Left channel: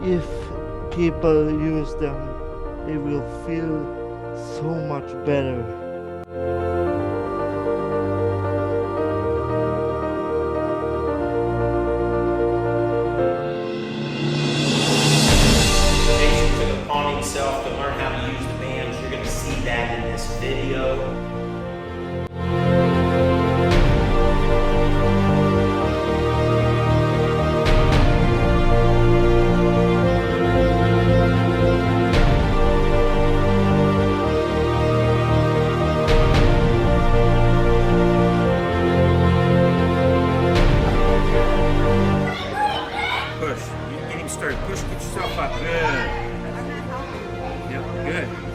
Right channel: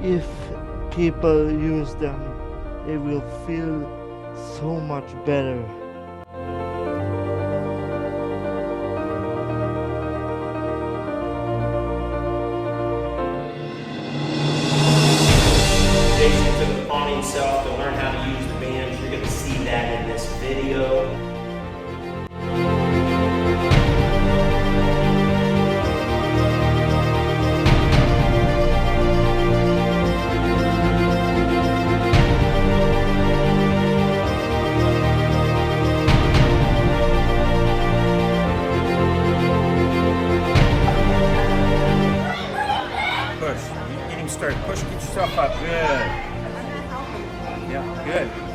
If people use them, they will feel so much better. Jason took it upon himself to learn how to use the bands. You're going to see that in this video. Push. Get him started. Push. Get yourself up. Good. Yep. Good.